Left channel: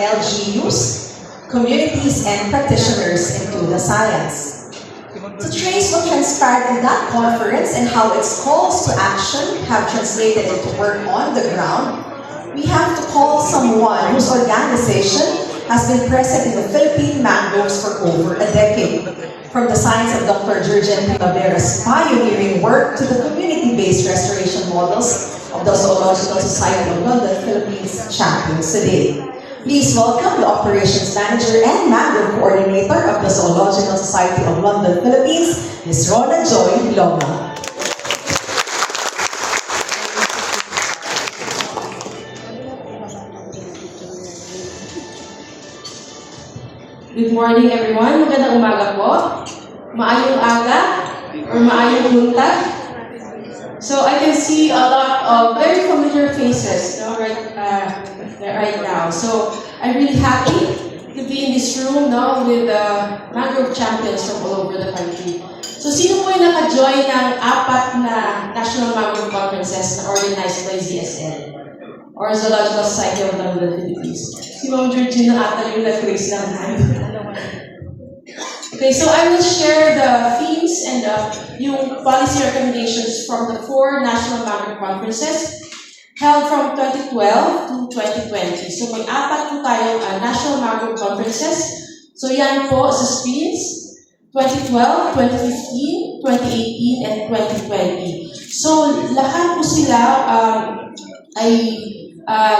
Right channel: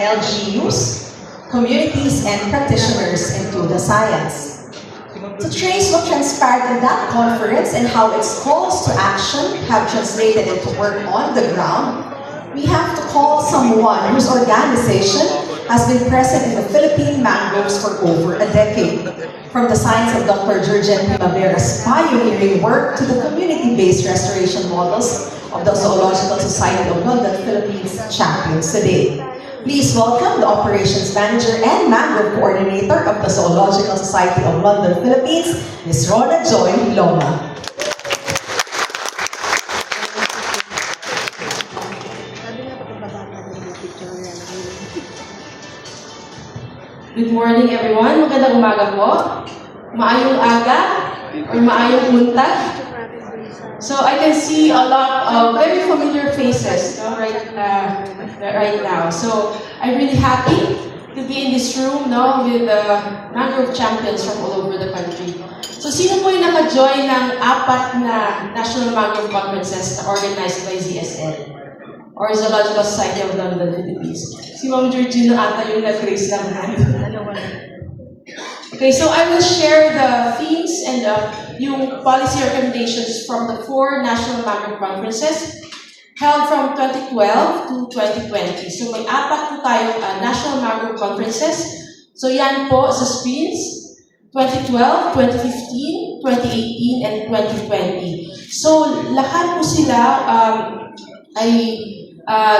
LGUs, communities, and practitioners into the science. To trace what transpired in that conference and how its calls to action have translated into work on the ground, we have to call someone whose organization has been present in the Philippine mangroves for over a decade. From the science of Dr. Jurgen Primavera's pioneering work to the community-based restoration models of the Zoological Society of London, Philippines champions today. Please welcome the Operations Manager and Mangrove Coordinator of the Zoological Society of London, Philippines, Ms. Rona Joy Loma. Good morning, everyone. Magandang umaga po. Maayong aga or maayong buntag. So I can see a lot of very familiar faces right now. So I'm really happy to be in this room with mangrove champions from all over the country. So sino po yung naka-join ng 4 na National Mangrove Conferences na organized by ZSL or Zoological Society of London, Philippines? Si Ma'am Georgina ata yung nag-raise ng hand. Okay, so I will share the themes and yung policy recommendations from the 4 National Mangrove Conferences held from 2012 to 2020. So may 4 po tayong National Mangrove Conferences. So yan po sa screens, 2012, 2015, 2018, and 2020. So lahat po sila ay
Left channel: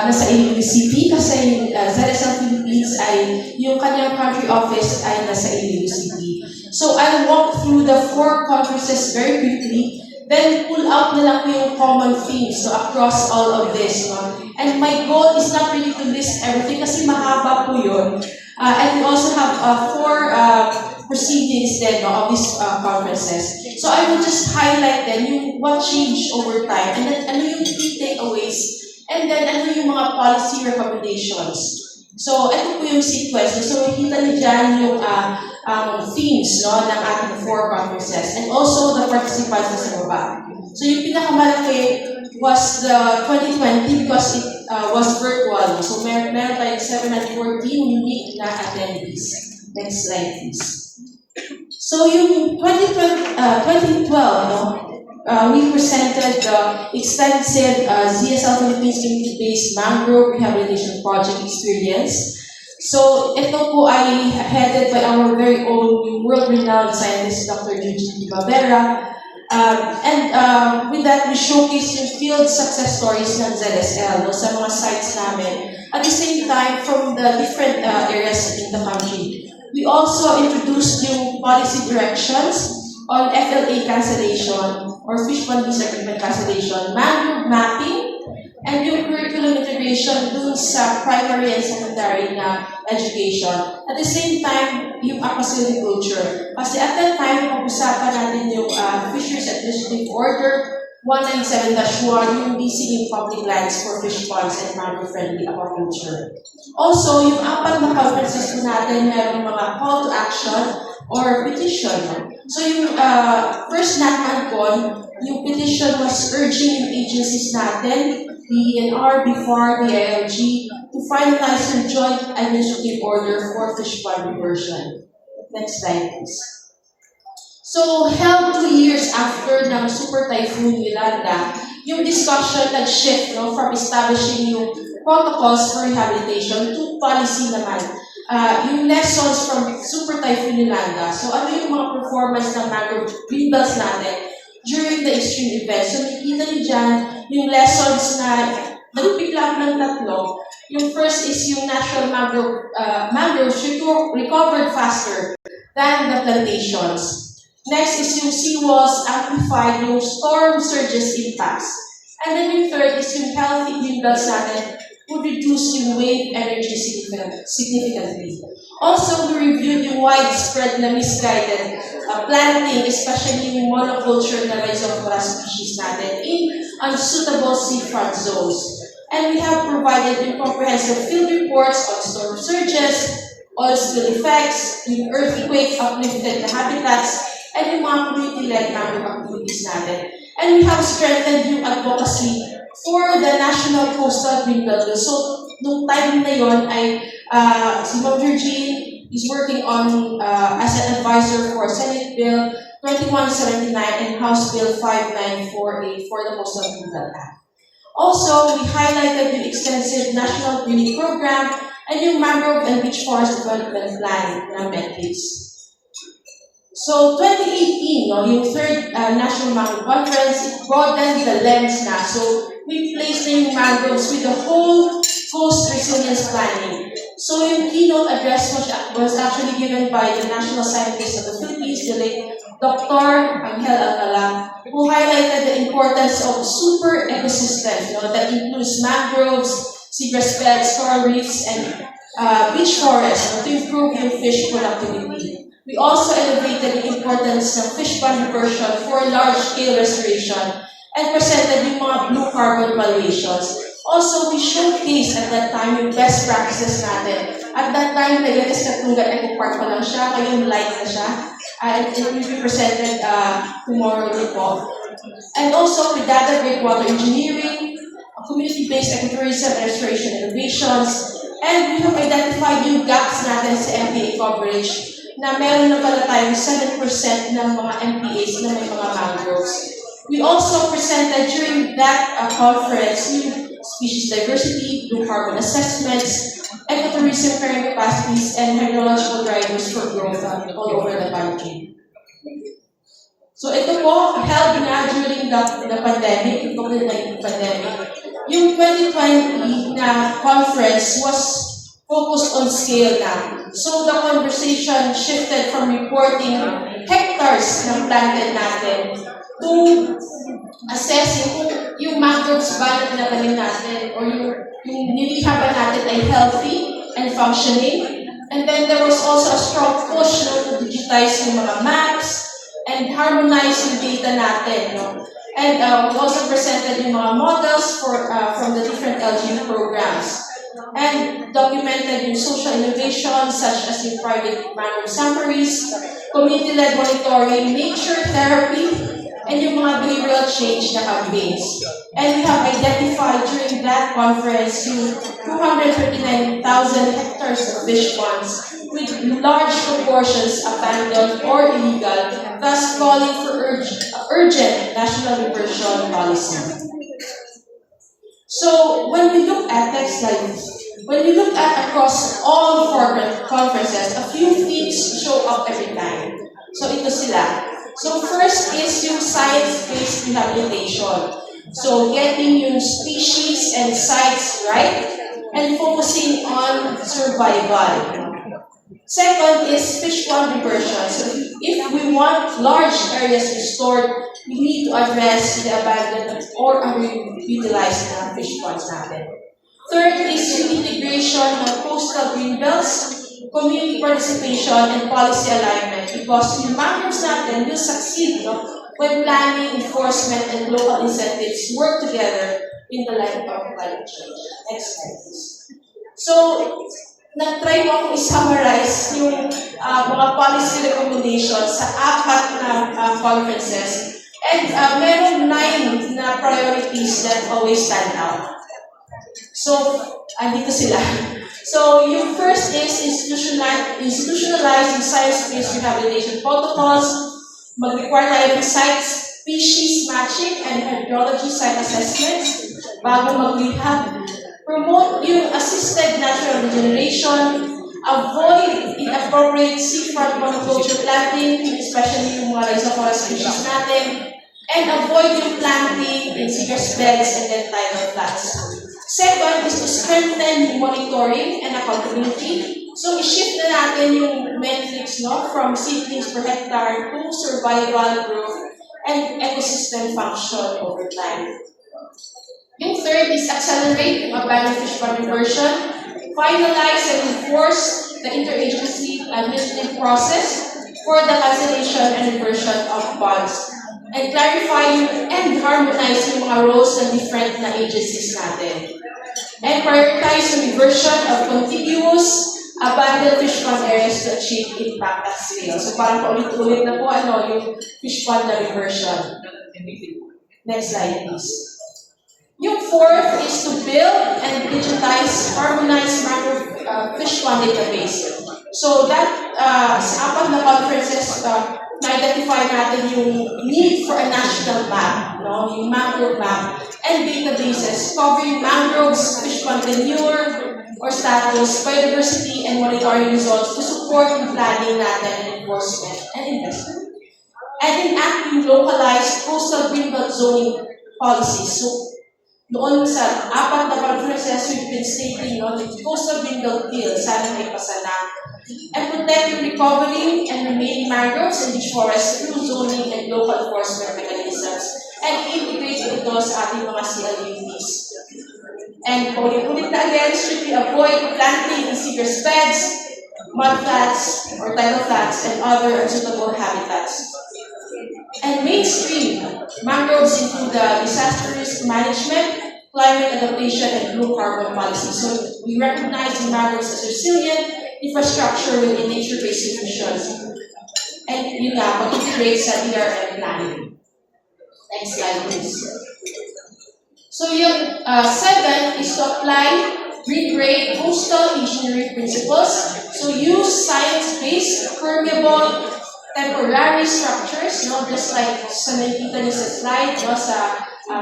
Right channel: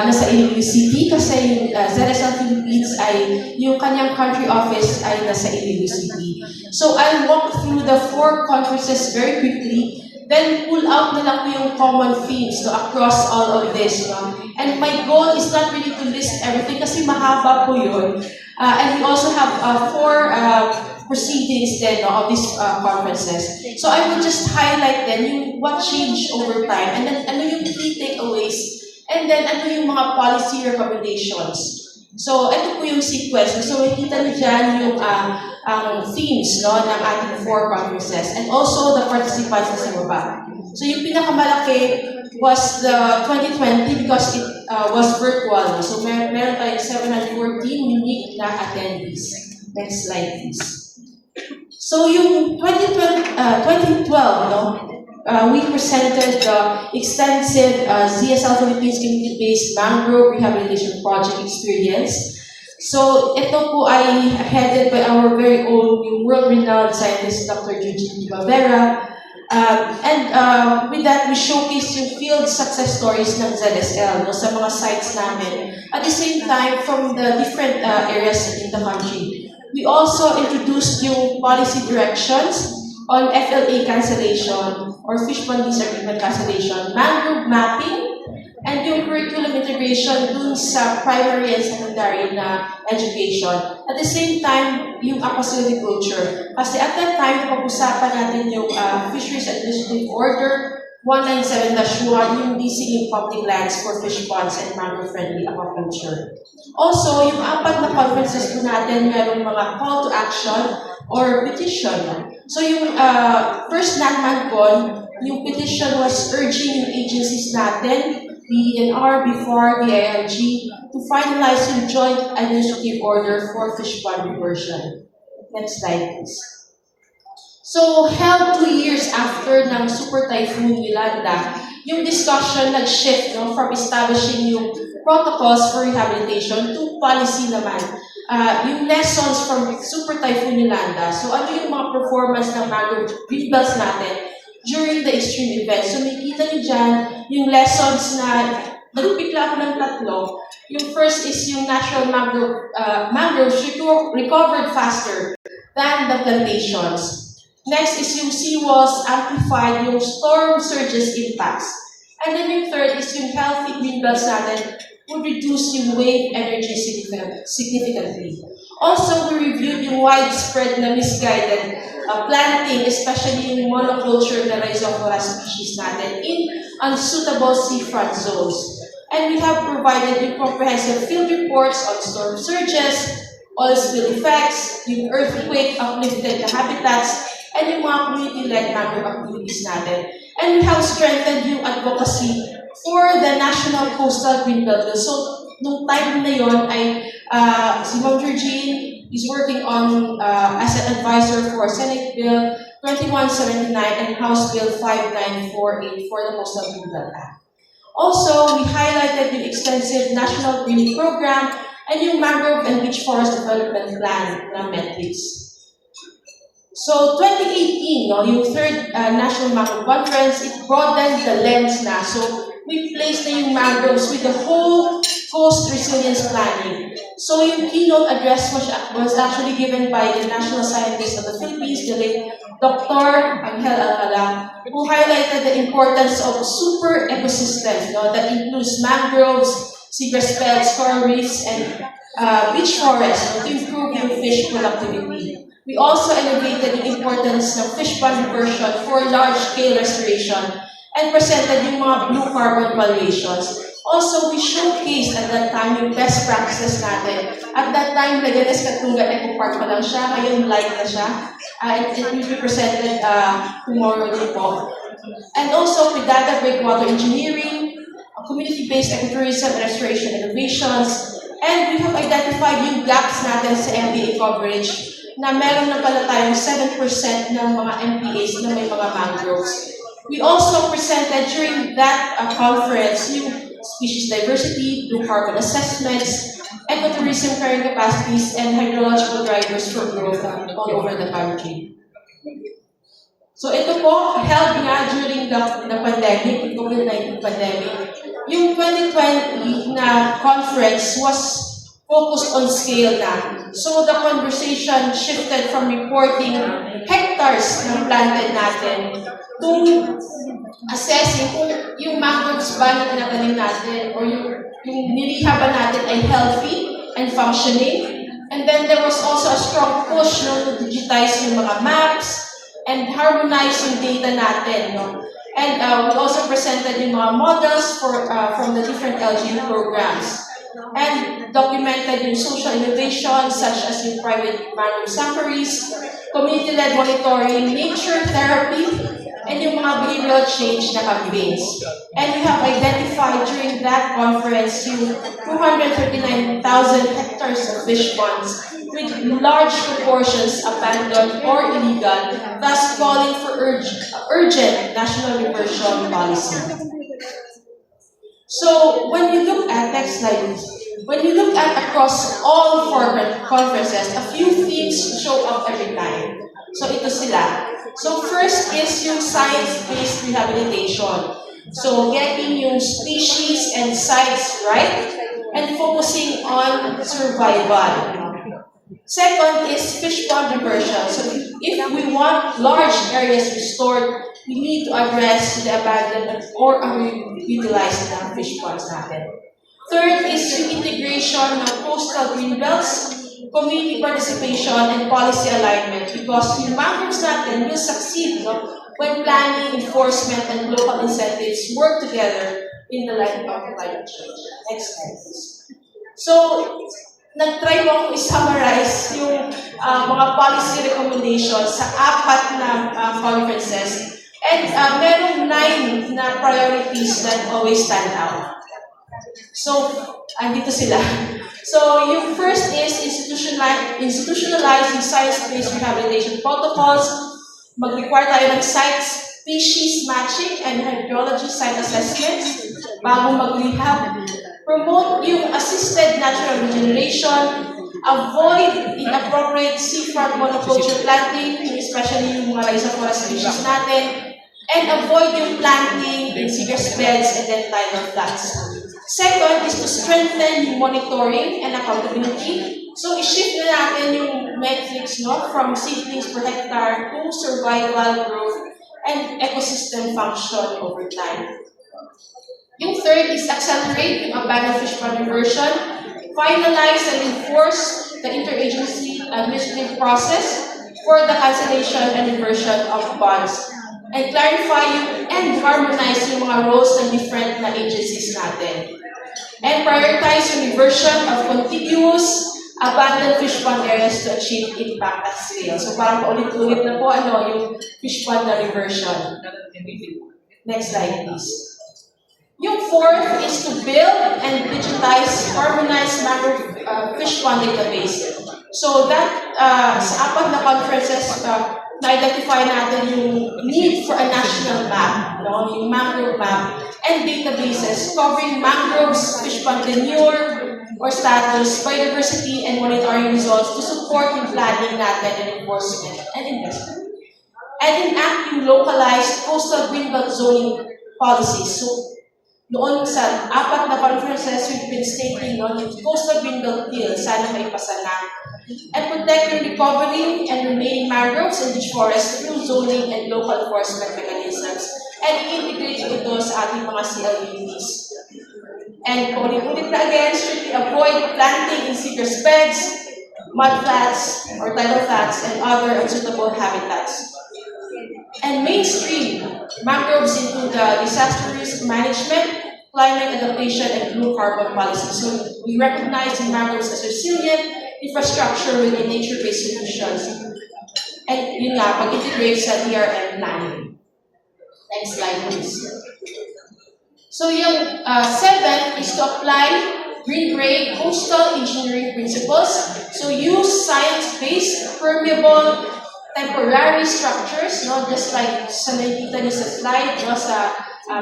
nasa Iloilo City kasi yung ZSL Philippines ay yung kanyang country office ay nasa Iloilo City. So I'll walk through the 4 conferences very quickly, then pull out na lang po yung common themes across all of this. And my goal is not really to list everything kasi mahaba po yun. And we also have 4 proceedings then of these conferences. So I will just highlight then yung what changed over time and then ano yung key takeaways. And then, ano yung mga policy recommendations? So, ito po yung sequence. So, makikita niyo dyan yung themes ng ating 4 conferences. And also, the participants na sa baba. So, yung pinakamalaki was the 2020 because it was virtual. So, meron tayong 714 unique na attendees. Next slide, please. So, yung 2012, we presented the extensive ZSL Philippines community-based mangrove rehabilitation project experience. So, ito po ay headed by our very own world-renowned scientist, Dr. Jurgen Primavera. With that, we showcase yung field success stories ng ZSL sa mga sites namin. At the same time, from the different areas in the country. We also introduced yung policy directions on FLA cancellation or fish pond lease agreement cancellation, mangrove mapping, and yung curriculum integration dun sa primary and secondary na education. At the same time, yung aquasilviculture. Kasi at that time, pag-usapan natin yung Fisheries Administrative Order 197-1, yung leasing in public lands for fish ponds and mangrove-friendly aquaculture. Also, yung 4 na conferences po natin, merong mga call to action or petition. So yung first NatManCon, yung petition was urging yung agencies natin, DENR, BFAR, DILG, to finalize yung joint administrative order for fish pond reversion. Next slide, please. So, held 2 years after ng Super Typhoon Yolanda, yung discussion nag-shift from establishing yung protocols for rehabilitation to policy naman. Yung lessons from Super Typhoon Yolanda. So, ano yung mga performance ng mangrove greenbelts natin during the extreme events. So, nakikita niyo dyan yung lessons na nag-pick up ng 3. Yung first is yung natural mangroves recovered faster than the plantations. Next is yung seawalls amplified yung storm surges impacts. And then yung third is yung healthy greenbelts natin would reduce yung wave energy significantly. Also, we reviewed yung widespread na misguided planting, especially yung monoculture na Rhizophora species natin in unsuitable seafront zones. And we have provided yung comprehensive field reports on storm surges, oil spill effects, yung earthquake uplifted na habitats, and yung mga community-led mangrove activities natin. And we have strengthened yung advocacy for the National Coastal Greenbelt Bill. So, nung time na yon ay si Ma'am Georgine is working on as an advisor for Senate Bill 2179 and House Bill 5948 for the Coastal Rural Act. Also, we highlighted the extensive national greening program and yung mangrove and beach forest development plan ng metrics. So, 2018, no, yung third National Mangrove Conference, it broadened the lens na. So, we placed na yung mangroves with the whole coast resilience planning. So, yung keynote address was actually given by the national scientist of the Philippines, the late Dr. Angel Alcala, who highlighted the importance of super ecosystems, that includes mangroves, seagrass beds, coral reefs, and beach forests to improve yung fish productivity. We also elevated the importance of fish pond diversion for large-scale restoration and presented yung mga blue carbon valuations. Also, we showcased at that time yung best practices natin. At that time, Leganes Katunggat Eco Park pa lang siya, ngayon live na siya. And it will be presented tomorrow din po. And also, with data breakwater engineering, community-based ecotourism and restoration innovations, and we have identified yung gaps natin sa MPA coverage na meron na pala tayong 7% ng mga MPAs na may mga mangroves. We also presented during that conference yung species diversity, blue carbon assessments, ecotourism carrying capacities, and hydrological drivers for growth all over the country. So ito po, held na during the pandemic, the COVID-19 pandemic. Yung 2020 na conference was focused on scale na. So the conversation shifted from reporting hectares ng planted natin to assessing kung yung mangroves ba na tinatanim natin o yung nilihha ba natin ay healthy and functioning. And then there was also a strong push to digitize yung mga maps and harmonize yung data natin. And we also presented yung mga models from the different LGU programs. And documented yung social innovations such as yung private mangrove sanctuaries, community-led monitoring, nature therapy, and yung mga behavioral change na campaigns. And we have identified during that conference yung 239,000 hectares of fish ponds with large proportions abandoned or illegal, thus calling for urgent national reversion policy. So, when you look at, next slide, when you look at across all conferences, a few themes show up every time. So, ito sila. So, first is yung science-based rehabilitation. So, getting yung species and sites right, and focusing on survival. Second is fish pond diversion. So, if we want large areas restored, we need to address the abandoned or underutilized na fish ponds natin. Third is yung integration of coastal green belts, community participation, and policy alignment because yung mangroves natin will succeed when planning, enforcement, and local incentives work together in the light of climate change. Next slide, please. So, nag-try ko akong i-summarize yung mga policy recommendations sa 4 na conferences. And merong 9 na priorities that always stand out. So, andito sila. So, yung first is institutionalizing science-based rehabilitation protocols, mag-require tayo ng site species matching and hydrology site assessments bago mag-rehab, promote yung assisted natural regeneration, avoid inappropriate seafront monoculture planting, especially yung mga rhizophora species natin, and avoid yung planting in seagrass beds and then tidal flats. Second is to strengthen yung monitoring and accountability. So, i-shift na natin yung metrics from seedlings per hectare to survival, growth, and ecosystem function over time. Yung third is accelerate yung abandoned fish pond diversion, finalize and enforce the interagency administrative process for the cancellation and reversion of bonds, and clarify and harmonize yung mga roles ng different na agencies natin. And prioritize yung reversion of contiguous abandoned fish pond areas to achieve impact at scale. So parang paulit-ulit na po yung fish pond na reversion. Next slide, please. Yung fourth is to build and digitize harmonized mangrove fish pond database. So that sa apat na conferences, na-identify natin yung need for a national map, no? Yung mangrove map and databases covering mangroves, fish pond tenure or status, biodiversity, and monitoring results to support yung planning natin and enforcement and investment. And enact yung localized coastal greenbelt zoning policies. So, noon sa apat na conferences, we've been stating the coastal greenbelt bill, sana may pasa na. And protect yung recovery and remaining mangroves and beach forests through zoning and local enforcement mechanisms. And integrate ito sa ating mga CLUPs. And ulit na again, strictly avoid planting in seeker's beds, mud flats, or tidal flats, and other unsuitable habitats. And mainstream mangroves into the disaster risk management, climate adaptation, and blue carbon policy. So we recognize the mangroves as resilient infrastructure within nature-based solutions. And yun nga, pag-integrate sa DRM planning. Next slide, please. So yung seventh is to apply green-gray coastal engineering principles. So use science-based, permeable, temporary structures, just like sa nakikita niyo sa slide, sa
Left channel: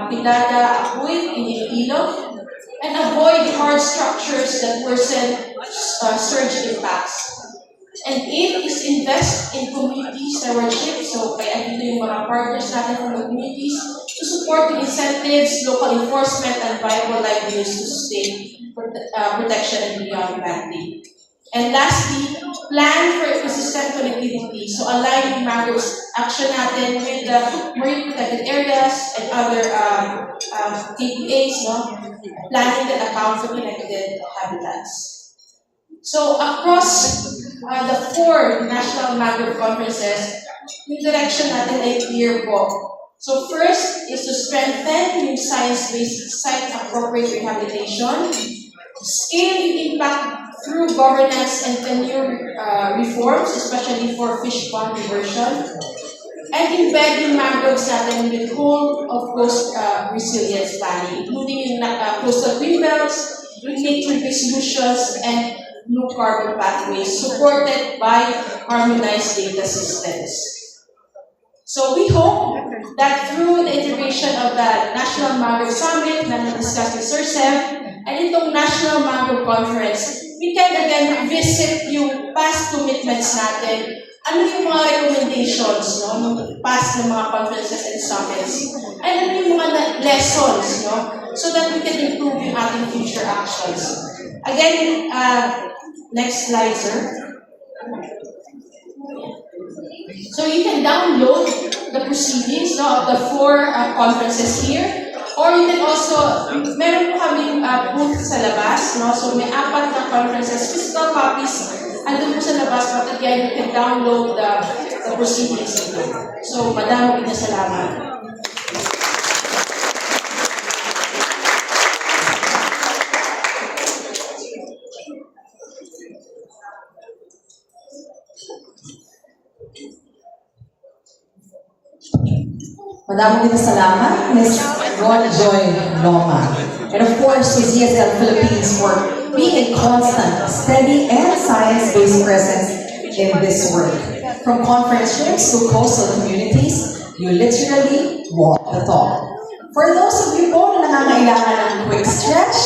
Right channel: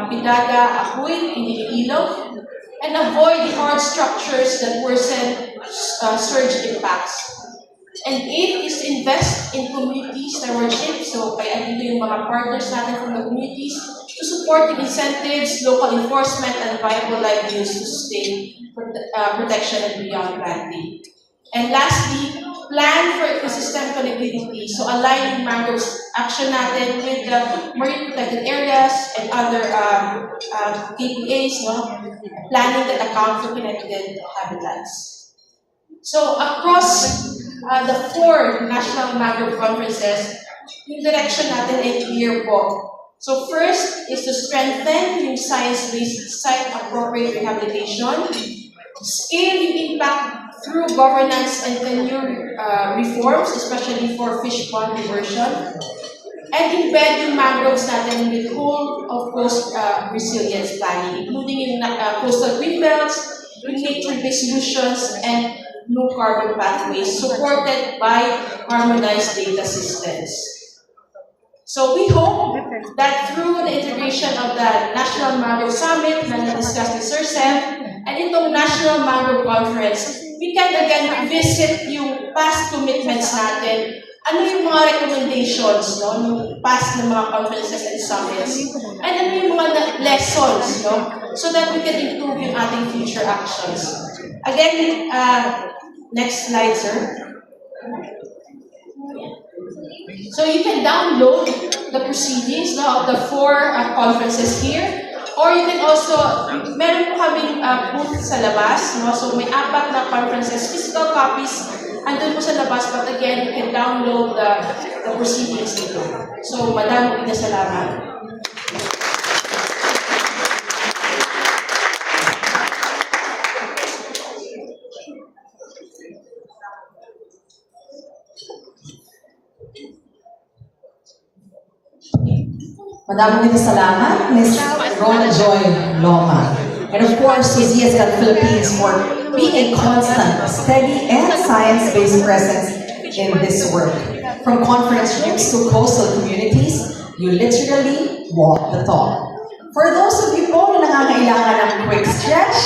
Pidaga, Apuy, Iloilo, and avoid hard structures that worsen surge impacts. And eight is invest in community stewardship. So kaya dito yung mga partners natin from the communities to support the incentives, local enforcement, and viable livelihoods to sustain protection and beyond planting. And lastly, plan for ecosystem connectivity. So align mangroves action natin with the marine protected areas and other KPAs, planning that account for connected habitats. So across the four national mangrove conferences, yung direction natin ay clear po. So first is to strengthen yung science-based site-appropriate rehabilitation, scale yung impact through governance and tenure reforms, especially for fish pond diversion, and embed yung mangroves natin in the whole of coast resilience planning, including yung coastal greenbelts, nature-based solutions, and blue carbon pathways supported by harmonized data systems. So we hope that through the integration of the National Mangrove Summit na na-discuss ni Sir Seth and itong National Mangrove Conference, we can again revisit yung past commitments natin. Ano yung mga recommendations ng past na mga conferences and summits? And ano yung mga lessons so that we can improve yung ating future actions. Again, next slide, sir. So you can download the proceedings of the four conferences here. Or you can also, meron po kaming booth sa labas. So may apat na conferences, physical copies, andun po sa labas. But again, you can download the proceedings nito. So madami na salamat. Madaming salamat, Ms. Rona Joy Loma. And of course, to ZSL Philippines for being a constant, steady, and science-based presence in this work. From conference rooms to coastal communities, you literally walk the talk. For those of you po na nangangailangan ng quick stretch,